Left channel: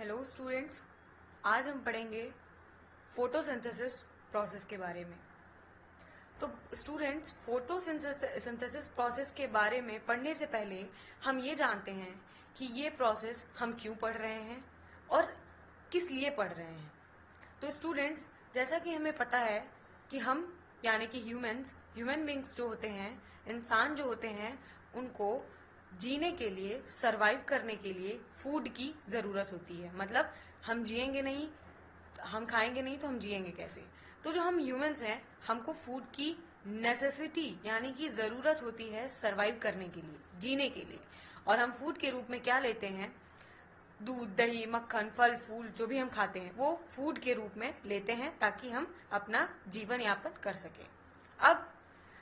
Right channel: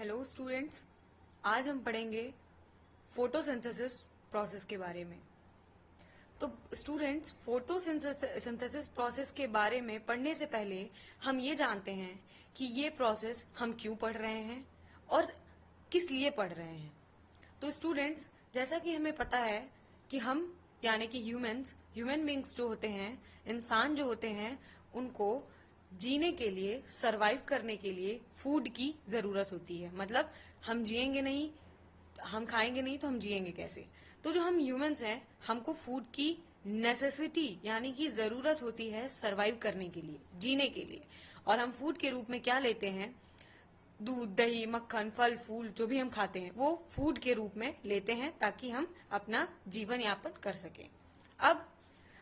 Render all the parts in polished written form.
Hello students, आज हम पढ़ेंगे फोटोसिंथेसिस प्रोसेस के बारे में। तो स्टूडेंट्स, फोटोसिंथेसिस प्रोसेस के बारे में पढ़ने से पहले हम ये जानते हैं कि ये प्रोसेस हम क्यों पढ़ रहे हैं और किस लिए पढ़ रहे हैं। तो स्टूडेंट्स, जैसा कि हमें पता है कि हम यानी कि ह्यूमन बींग्स जो होते हैं, इंसान जो होते हैं, उनको जीने के लिए, सरवाइव करने के लिए फूड की जरूरत होती है। मतलब हम जिएंगे नहीं, हम खाएंगे नहीं तो हम जिएंगे कैसे। तो जो हम ह्यूमंस हैं, हमको फूड की नेसेसिटी यानी कि जरूरत होती है सरवाइव करने के लिए, जीने के लिए। और हम फूड के रूप में क्या लेते हैं? दूध, दही, मक्खन, फल, फूल जो भी हम खाते हैं वो फूड के रूप में लेते हैं ताकि हम अपना जीवन यापन कर सकें। अब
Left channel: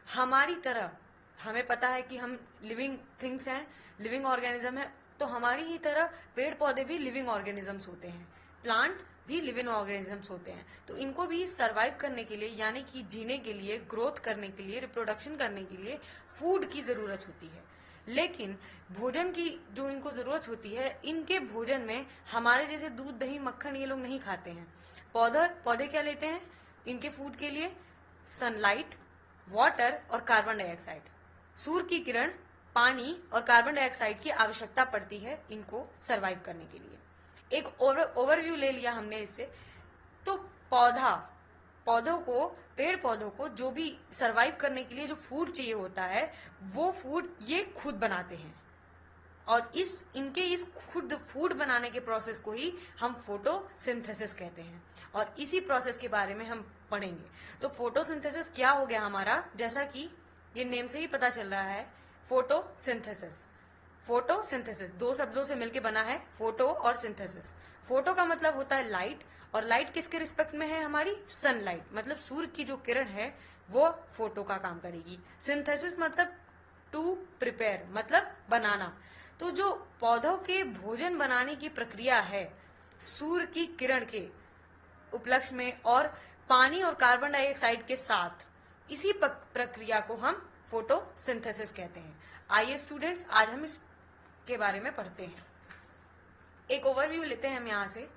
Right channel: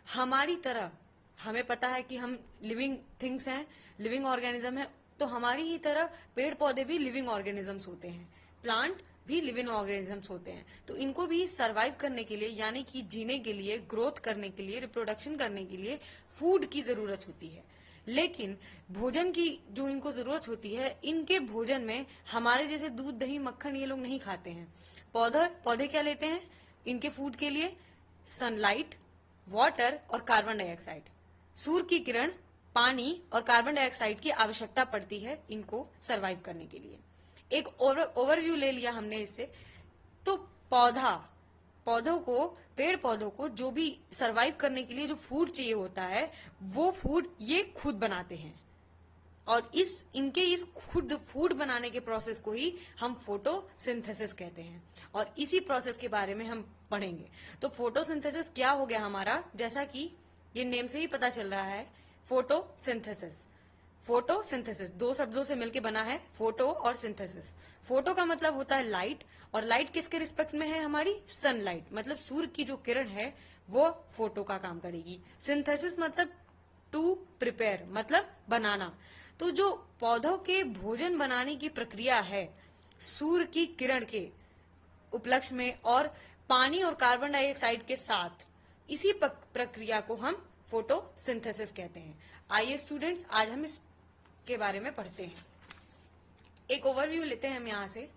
हमारी तरह हमें पता है कि हम लिविंग थिंग्स हैं, लिविंग ऑर्गेनिज्म है, तो हमारी ही तरह पेड़ पौधे भी लिविंग ऑर्गेनिजम्स होते हैं, प्लांट भी लिविंग ऑर्गेनिजम्स होते हैं। तो इनको भी सरवाइव करने के लिए यानी कि जीने के लिए, ग्रोथ करने के लिए, रिप्रोडक्शन करने के लिए फूड की जरूरत होती है। लेकिन भोजन की जो इनको जरूरत होती है, इनके भोजन में हमारे जैसे दूध, दही, मक्खन ये लोग नहीं खाते हैं। पौधे क्या लेते हैं इनके फूड के लिए? सनलाइट, वाटर और कार्बन डाइऑक्साइड। सूर्य की किरण, पानी और कार्बन डाइऑक्साइड की आवश्यकता पड़ती है इनको सरवाइव करने के लिए। एक ओवरव्यू ले लिया हमने इससे। तो पेड़ पौधों को जो भी सरवाइव करने के लिए जो फूड चाहिए होता है, वो फूड ये खुद बनाते हैं। और इस खुद फूड बनाने के प्रोसेस को ही हम फोटोसिंथेसिस कहते हैं। और इसी प्रोसेस के बारे में हम पढ़ेंगे। तो फोटोसिंथेसिस क्या हो गया हमारा? जैसा कि ये नेम से ही पता चल रहा है, फोटोसिंथेसिस दो शब्दों से मिलकर बना है, फोटो और सिंथेसिस। फोटो का मतलब होता है लाइट, और लाइट किसके रिस्पेक्ट में है? हमारी सनलाइट, मतलब सूर्य की जो किरण है वो फोटो का काम करेगी। सिंथेसिस मतलब टू प्रिपेयर, मतलब बनाना। तो जो पौधों के भोजन बनाने की प्रक्रिया है, सूर्य की किरण के उपलक्ष्य में और पानी और कार्बन डाइऑक्साइड के साथ, इसी प्रक्रिया को हम फोटोसिंथेसिस कहते हैं। आइए स्टूडेंट्स, आज हम इसके बारे में पढ़ते हैं। एक ओवरव्यू लेते हैं हम यहाँ से।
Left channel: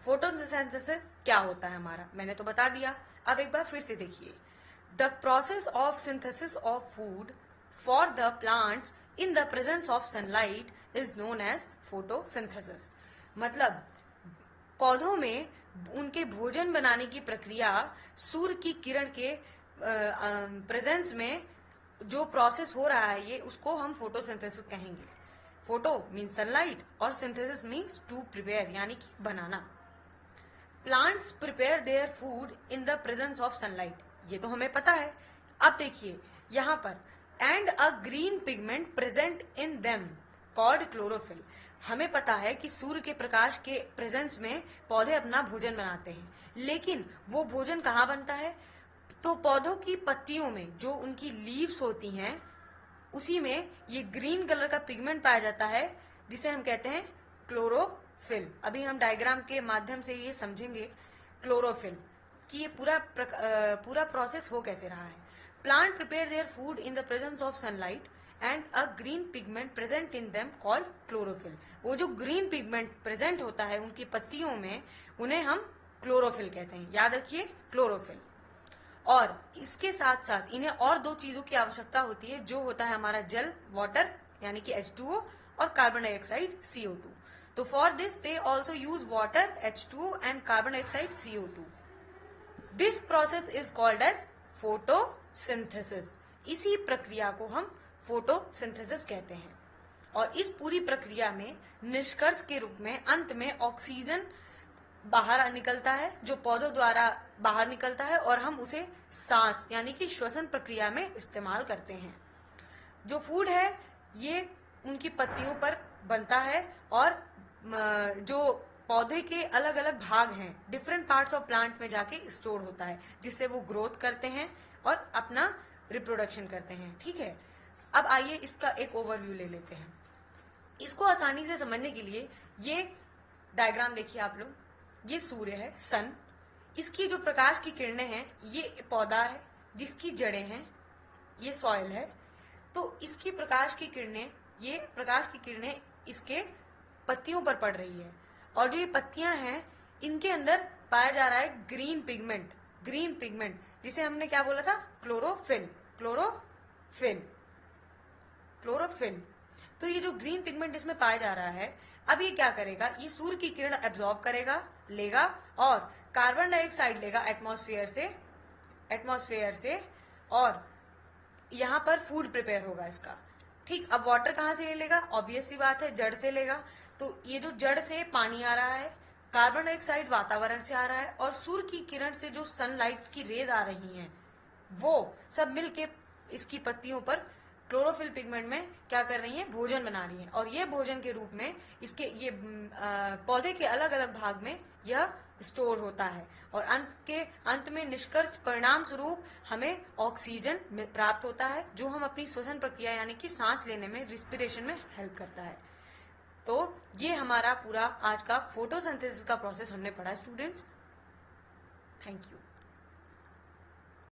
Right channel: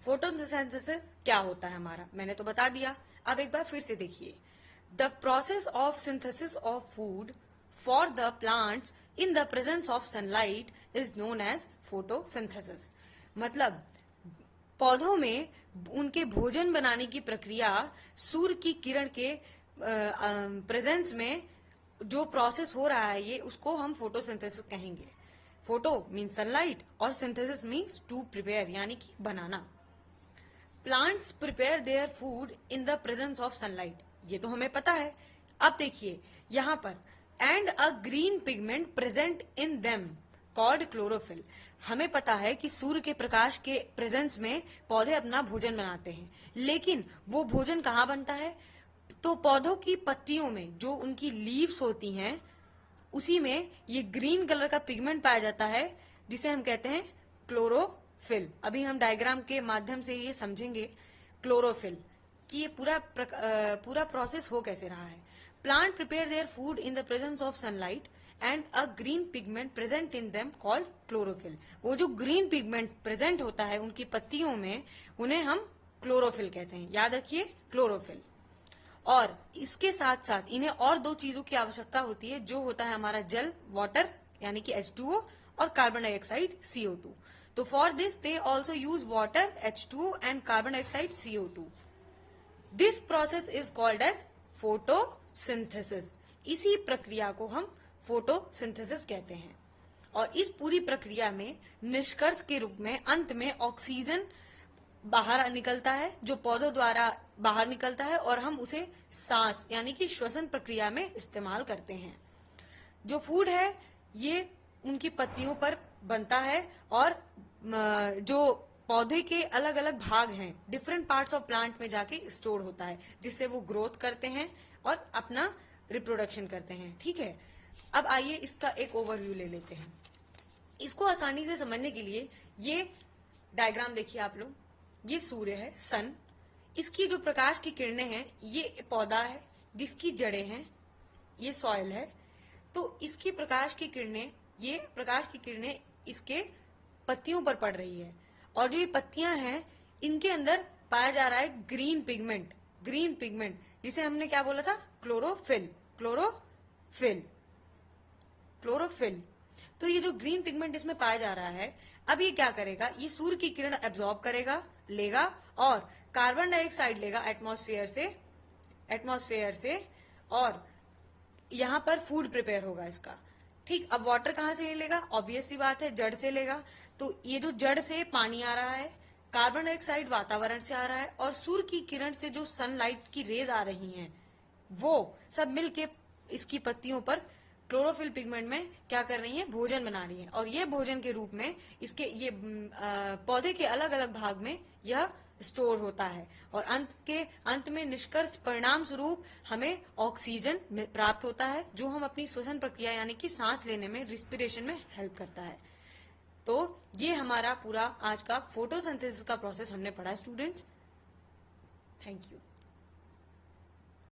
फोटोसिंथेसिस क्या होता है हमारा, मैंने तो बता दिया। अब एक बार फिर से देखिए। The process of synthesis of food for the plants in the presence of sunlight is known as photosynthesis. मतलब पौधों में उनके भोजन बनाने की प्रक्रिया सूर्य की किरण के प्रेजेंस में जो प्रोसेस हो रहा है, ये उसको हम फोटोसिंथेसिस कहेंगे। फोटो मीन्स सनलाइट और सिंथेसिस मीन्स टू प्रिपेयर यानी कि बनाना। Plants prepare their food in the presence of sunlight, ये तो हमें पता है। अब देखिए यहाँ पर, and a green pigment present in them called chlorophyll. हमें पता है कि सूर्य के प्रकाश के प्रेजेंस में पौधे अपना भोजन बनाते हैं, लेकिन वो भोजन कहाँ बनता है? तो पौधों की पत्तियों में जो उनकी लीव्स होती हैं, उसी में ये ग्रीन कलर का पिगमेंट पाया जाता है, जिसे हम कहते हैं क्लोरोफिल। अभी हम डायग्राम के माध्यम से ये समझेंगे क्लोरोफिल कि ये पूरा प्रोसेस हो कैसे रहा है। Plant prepare their food in the presence of sunlight and a green pigment present in them called chlorophyll. वो जो ग्रीन पिगमेंट प्रेजेंट होता है उनकी पत्तियों में, उन्हें हम क्लोरोफिल कहते हैं। याद रखिए, क्लोरोफिल। और इसके साथ साथ इन्हें और दो चीजों की आवश्यकता होती है, जो होता है हमारा जल, वाटर यानी कि H2O, और कार्बन डाइऑक्साइड CO2। तो for this they also use water, H2O and carbon dioxide CO2। This process is called as photosynthesis. इसी प्रक्रिया को हम फोटोसिंथेसिस कहते हैं। और इस पूरी प्रक्रिया में निष्कर्ष के रूप में अंत में ऑक्सीजन बाहर निकलता है, जो पौधों द्वारा बाहर निकलता है, और हम उसे सांस यानी कि श्वसन प्रक्रिया में इस्तेमाल करते हैं। जो फूड है ये उनकी पत्तियों पर बनता है, और जो पौधे के अलग अलग भाग हैं, डिफरेंट पार्ट्स ऑफ प्लांट में जाके स्टोर होता है, जिससे वो ग्रोथ करते हैं और अपना रिप्रोडक्शन करते हैं। ठीक है, अब आइए इसका एक ओवरव्यू ले लेते हैं। इसको आसानी से समझने के लिए ये डायग्राम देखिए आप लोग। ये सूर्य है, सन। इसकी जो प्रकाश की किरणें हैं, ये पौधा है जिसकी जड़ें हैं, ये सॉइल है। तो इसकी प्रकाश की किरणें इसके पत्तियों पर पड़ रही है। और जो ये पत्तियां हैं इनके अंदर पाया जा रहा है ग्रीन पिगमेंट जिसे हमने क्या बोला था, क्लोरोफिल। तो ये जो ग्रीन पिगमेंट इसमें पाया जा रहा है, अब ये क्या करेगा, ये सूर्य की किरण एब्जॉर्ब करेगा, लेगा और कार्बन डाइऑक्साइड लेगा एटमॉस्फेयर से और यहाँ पर फूड प्रिपेयर होगा इसका। ठीक, अब वाटर कहाँ से ले लेगा, ऑब्वियस सी बात है जड़ से लेगा। तो ये जो जड़ से पानी आ रहा है, कार्बन डाइऑक्साइड वातावरण से आ रहा है और सूर्य की किरण से जो सनलाइट की रेज आ रही हैं वो सब मिलके इसकी पत्तियों पर क्लोरोफिल पिगमेंट में क्या कर रही हैं, भोजन बना रही हैं। और ये भोजन के रूप में इसके ये पौधे के अलग अलग भाग में यह स्टोर होता है और अंत में निष्कर्ष परिणाम स्वरूप हमें ऑक्सीजन प्राप्त होता है, जो हम अपनी श्वसन प्रक्रिया यानी कि सांस लेने में, रिस्पिरेशन में हेल्प करता है। तो ये हमारा पूरा आज का फोटोसिंथेसिस का प्रोसेस हमने पढ़ा स्टूडेंट्स। Thank you.